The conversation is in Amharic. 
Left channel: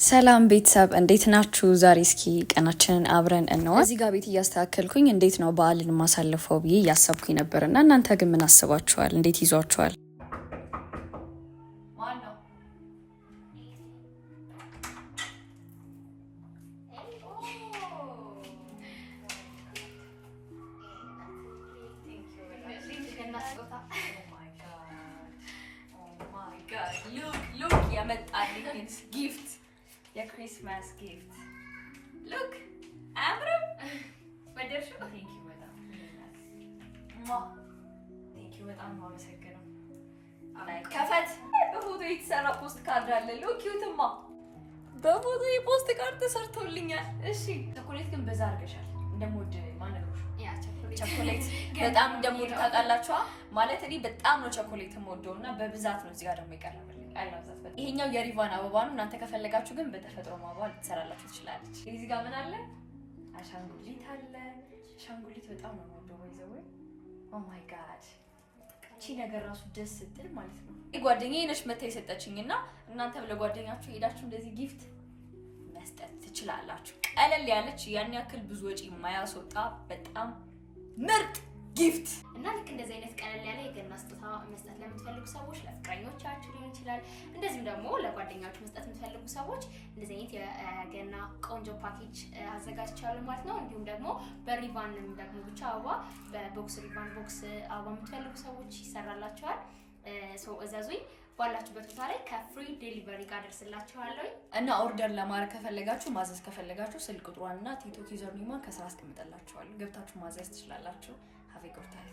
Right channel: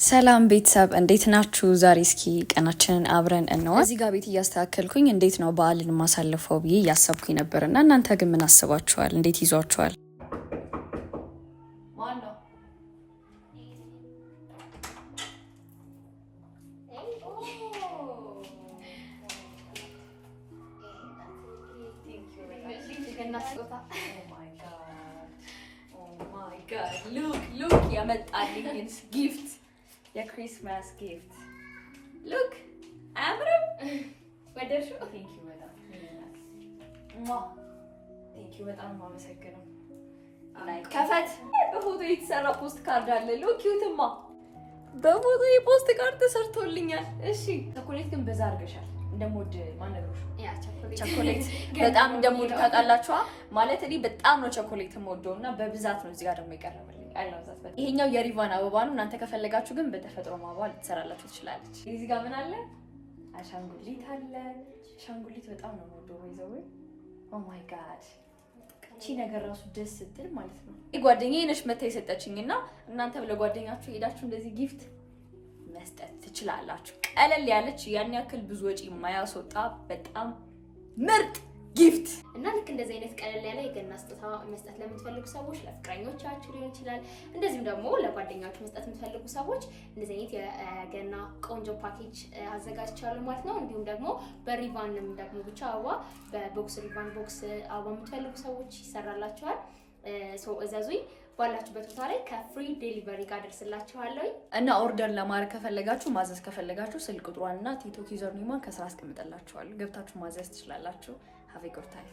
ሰላም ቤተሰብ እንዴት ናችሁ? ዛሬ እስኪ ቀናችንን አብረን እንዋል። እዚህ ጋር ቤት እያስተካከልኩኝ እንዴት ነው በዓልን ማሳለፈው ብዬ እያሰብኩኝ ነበርና እናንተ ግን ምን አስባችኋል? እንዴት ይዟችኋል? Look, የመጣልኝ ጊፍት የክሪስማስ ጊፍት ሉክ አምረም ወደርሽ። ቴንክ ዩ በጣም ቴንክ ዩ በጣም ማመሰግነው። ከፈት በፎቶ የተሰራ ፖስት ካርድ አለ። ሉክ ዩትማ በፎቶ የፖስት ካርድ ተሰርቶልኛል። እሺ ቸኮሌት ግን በዛ አድርገሻል። እንደሞድ ማነግሮሽ ቸኮሌት በጣም እንደሞድ ታውቃላችሁ ማለት እኔ በጣም ነው ቸኮሌት የምወደውና በብዛት ነው። እዚህ ጋር ደግሞ ይቀርብልኝ አይለውዛት። ይሄኛው የሪቫን አበባ ነው። እናንተ ከፈለጋችሁ ግን በተፈጥሮ አበባ ልትሰራላችሁ ትችላለች። እዚህ ጋር ምን አለ? አሻንጉሊት አለ። አሻንጉሊት በጣም ነው የምወደው። ወይዘው ኦ ማይ ጋድ እቺ ነገር ራሱ ደስ ስትል ማለት ነው። ጓደኛዬ ነች መታ የሰጠችኝና እናንተ ለጓደኛችሁ ሄዳችሁ እንደዚህ ጊፍት መስጠት ትችላላችሁ። ቀለል ያለች ያን ያክል ብዙ ወጪ የማያስወጣ በጣም ምርጥ ጊፍት እና ልክ እንደዚህ አይነት ቀለል ያለ የገና ስጦታ መስጠት ለምትፈልጉ ሰዎች ለፍቅረኞቻችሁ ሊሆን ይችላል። እንደዚህም ደግሞ ለጓደኛችሁ መስጠት የምትፈልጉ ሰዎች እንደዚህ አይነት የገና ቆንጆ ፓኬጅ አዘጋጅቻለሁ ማለት ነው። እንዲሁም ደግሞ በሪቫንም ደግሞ ብቻ አበባ በቦክስ ሪቫን ቦክስ አበባ የምትፈልጉ ሰዎች ይሰራላችኋል። ሶ እዘዙኝ። ባላችሁበት ቦታ ላይ ከፍሪ ዴሊቨሪ ጋር ደርስላችኋለሁ። እና ኦርደር ለማድረግ ከፈለጋችሁ ማዘዝ ከፈለጋችሁ ስልክ ቁጥሯንና ቲክቶክ ዩዘር ኔሟን ከስራ አስቀምጥላችኋለሁ። ገብታችሁ ማዘዝ ትችላላችሁ። ሃቭ ኤ ጉድ ታይም